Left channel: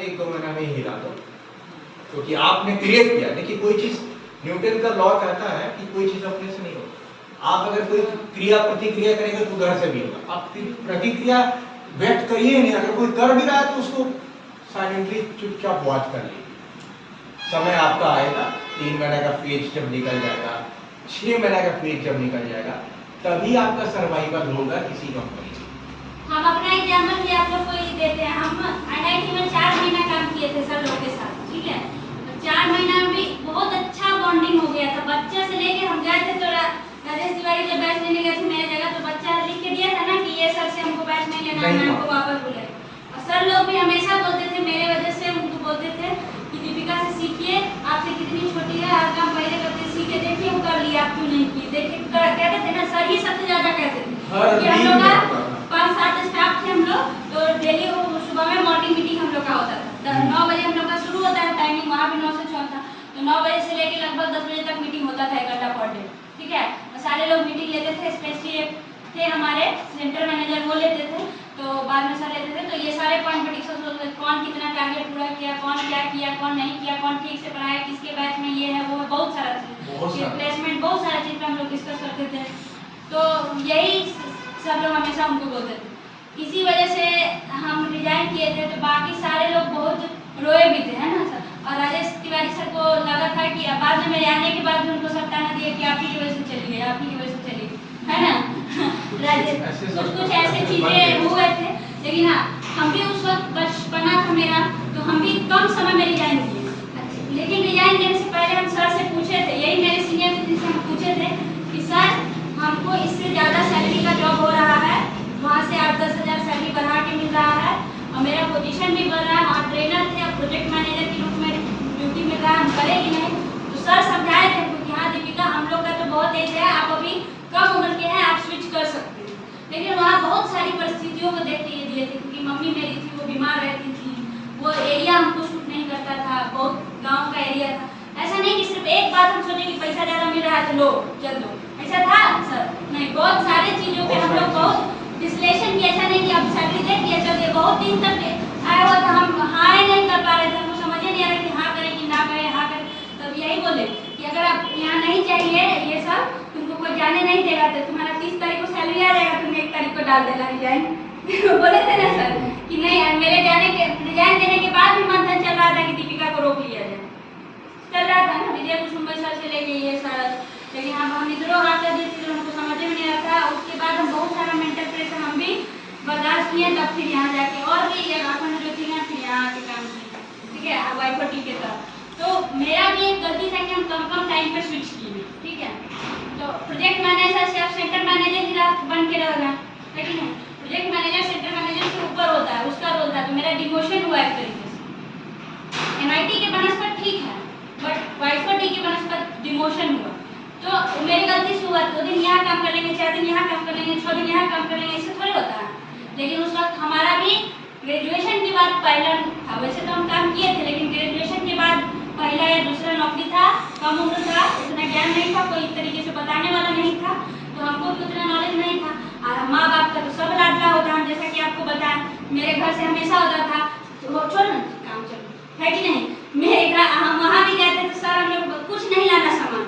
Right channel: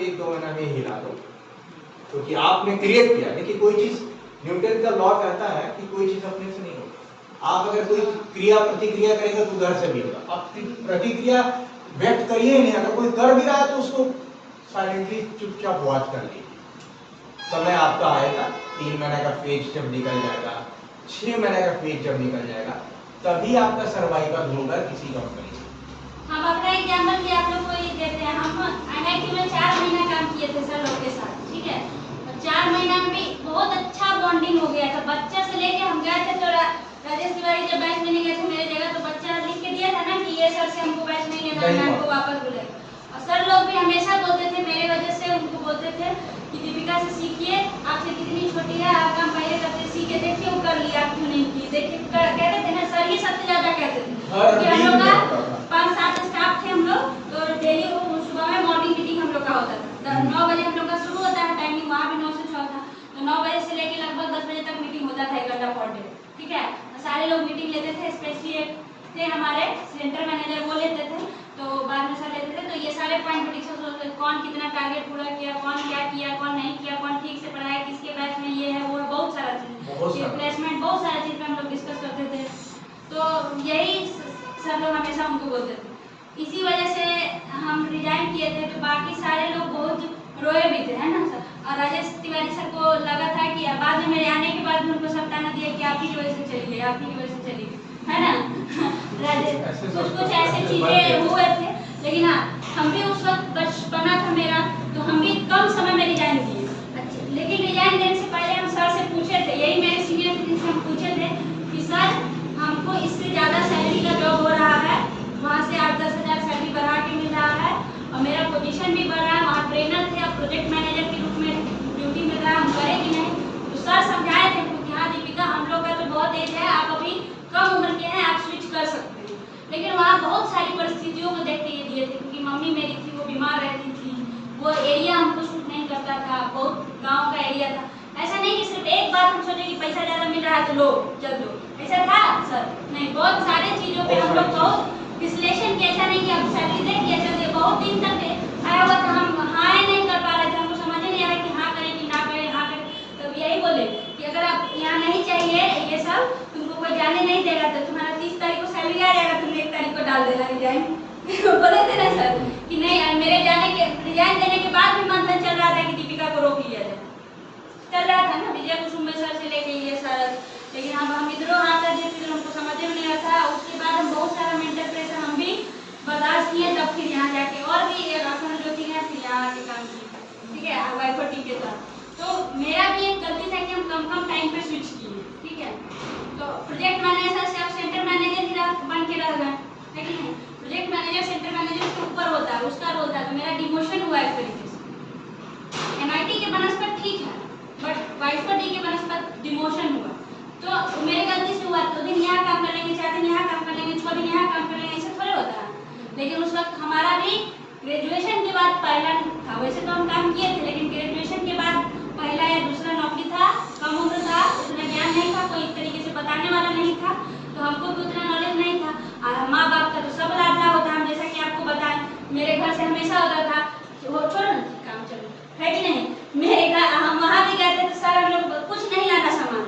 एक 2 महीना में हिला दो, क्योंकि आपने क्रिएट किया। देखिए कोई चीज, न्यूटन का लॉ कहता है कि कोई चीज अपने से नहीं होती। आप अगर कोई क्रिया प्रतिक्रिया करेंगे तो उधर से भी होगा। आप प्रतिक्रिया व्यक्त करिए नहीं, अगर कोई कर भी रहा है तो उसको साइलेंटली चुपचाप वॉच कर लीजिए। समय आपका आएगा, 3 महीने का फेज जब निकल जाएगा, 6 महीने का फेज जब निकल जाएगा, तभी आपका सर्वाइवल होगा किसी कंपनी से। हम अपना एग्जाम्पल भी आप लोग को ही देते हैं। हम IIT में 4 महीना काम किए थे सर लोग के साथ, ठीक है। तो 4 महीना में भी बहुत अच्छा बॉन्डिंग हो गया था। बच्चा से लेके हम गए थे तो राजेश तिवारी जब बैच लेने गए थे मेरे जगह, तो बच्चा लिख के दिया था ना कि ये सर से हमको बैच नहीं लेना, मैं हमको वापस बुलाए। और सर लोग भी हमेशा बोलते थे, मेरे वजह से उनको बोलते थे कि दीपिका से सीखिए, आपसे कितनी छोटी है, आप काम पहले करते सीखे, देखिए वो कर लिया, आप क्यों नहीं किए। देखिए कहते थे ना सर, ही सबसे ज्यादा कहते थे कि हम लोग का 5-7 स्टाफ थे हम लोग, तो डेली वो सुबह में मॉर्निंग मीटिंग हम लोग का होता था। 9 बजे हम लोग का शुरू होता है टाइमिंग, वहाँ भी 9 से 6 था। तो 9 बजे से लेके लगभग 10 बजे तक मीटिंग होता था, 1 घंटा पर डे, ठीक है। सारे लोग मीटिंग लेते थे, स्पेशली थे हमारे सेंटर मैनेजर, वो लेते थे, तो बाद में सर लेते थे। तो ये सारे पॉइंट पर डिस्कस होते थे, कौन कितना टारगेट पूरा किया, कौन क्या किया, कौन नहीं किया, कौन ठीक से पढ़ाया, किसके बैच में ये है वो है, बहुत सारा चीज, प्लेसमेंट, बहुत सारे चीज पे हम लोग डिस्कस करते थे। तो यही सब लोग हमेशा हमको बोलते थे। इसी वजह से हम रिजाइन किए थे, तो बाकी सारे लोग बहुत रोए भी थे, है ना सर। और राजेश तिवारी सर को लगा था कि बाद में मेरे आने के बाद भी उनको सब ताना दिया कि आप ही की वजह से चली गई, आप ही की वजह से चली गई, है ना। राजेश कुछ ऐसे चीजें हुए थे, लेकिन हाँ हम भी उस वक्त बचपना था मेरा, तो हम भी कम समय में रिजाइन किए। लेकिन रिजाइन देने से पहले हम सर से पूछे थे, यही मेरे सीनियर थे जिनसे हम पूछे थे कि सर हमको इससे ज़्यादा सैलरी का जॉब हो रहा है, वहाँ से 8-10 हज़ार सैलरी बढ़ा के मिल रहा है, और मेरा पोजीशन भी बढ़ रहा है, वहाँ ट्रेनर थे, अब प्रोजेक्ट मैनेजर के रूप में ड्यूटी में रहा, हम करेंगे नहीं। तो सर समझाए थे क्योंकि हाँ दीपिका हम लोग का तो बहुत एज है, आप अभी कम उम्र के हैं, आप स्विच कर सकते हैं। लेकिन वहाँ बहुत सारी परिस्थितियों को देख के ये दिए थे, क्योंकि मम्मी मेरी थी, वो बीमार रहती थी, वो एरिया हमको सूट नहीं करता था, बहुत गाँव का एरिया था। ऐसा नहीं कि सिर्फ एक बात हम सोचे कि पैसा ज़्यादा मिल रहा है तो लो चल दो, ऐसा था सर नहीं। बहुत सारे चीज़ों पे हम लोग बहुत विश्लेषण किया, ऐसा नहीं कि आप सैलरी दे दिया चल दे। बहुत दिन तक आया हुआ था, हम हाँ नहीं कर पा रहे थे, हमको समझ ही नहीं आ रहा कि हाँ करें कि ना करें, हाँ करें। तब यही बोले कि अगर आप यहाँ नहीं चाहिए ये सब, तुमको कोई जाने नहीं देगा, तो तुम्हारा 30 तारीख को सैलरी आ जाएगा, तुमने 1 तारीख को डाल देना रिजाइन। बोले थे ना सर कि नहीं, मेरे जाने के रिजाइन देने के बाद भी मंथन चल रहा था कि दीपिका को रोक लिया जाए, चल रहा था ना, विजय कुसुम सर से लेके ये सारा। लेकिन हम इधरों हाथ कर दिए थे, हमको समझ में नहीं आता। उसके बाद हम बहुत सारा मेंटल प्रेशर हम भी बर्दाश्त किए, तब फिर यहाँ जाके और भी एक अपन जो थी ना, फिर यहाँ आके काम की, ठीक है, वाइफोटी के साथ। तो मेरा भी एक गलती था कि हम कम टाइम पे स्विच किए, ठीक है। तो प्रोजेक्ट मैनेजर से आप सेंटर मैनेजर ही बन के रह गए, ठीक है। प्रोजेक्ट मैनेजर सेंटर मैनेजर से ऊपर होता है, उसका रोल था, तो मेरा डिमोशन हुआ एक तरीके से। MIT के बनस्पत ठीक है, बट वाइफोटी के बनस्पत डिमोशन हुआ, तो मेरी गलती से हुआ। 2 दिन यहाँ काम कर लेंगे, 4 दिन यहाँ काम कर लेंगे, 6 दिन यहाँ काम कर लेंगे, ऐसे थोड़े होता है। लेकिन उस वक्त हमारा भी ग्रेजुएशन के बाद पहला था, वैसे तो हम काम किए थे, लेकिन ग्रेजुएशन के बाद पहला या दूसरा नौकरी था, कम उम्र था, उतना ज्ञान नहीं था, कोई तरीके से बताने वाला नहीं था, तो हमको भी उतना नॉलेज नहीं था। और माँ बाप का तो सब लाडला होता है, जैसा कि आपको बताएं, मेरे घर से हमेशा होता था तो छोड़ो काम चलो, है कि नहीं।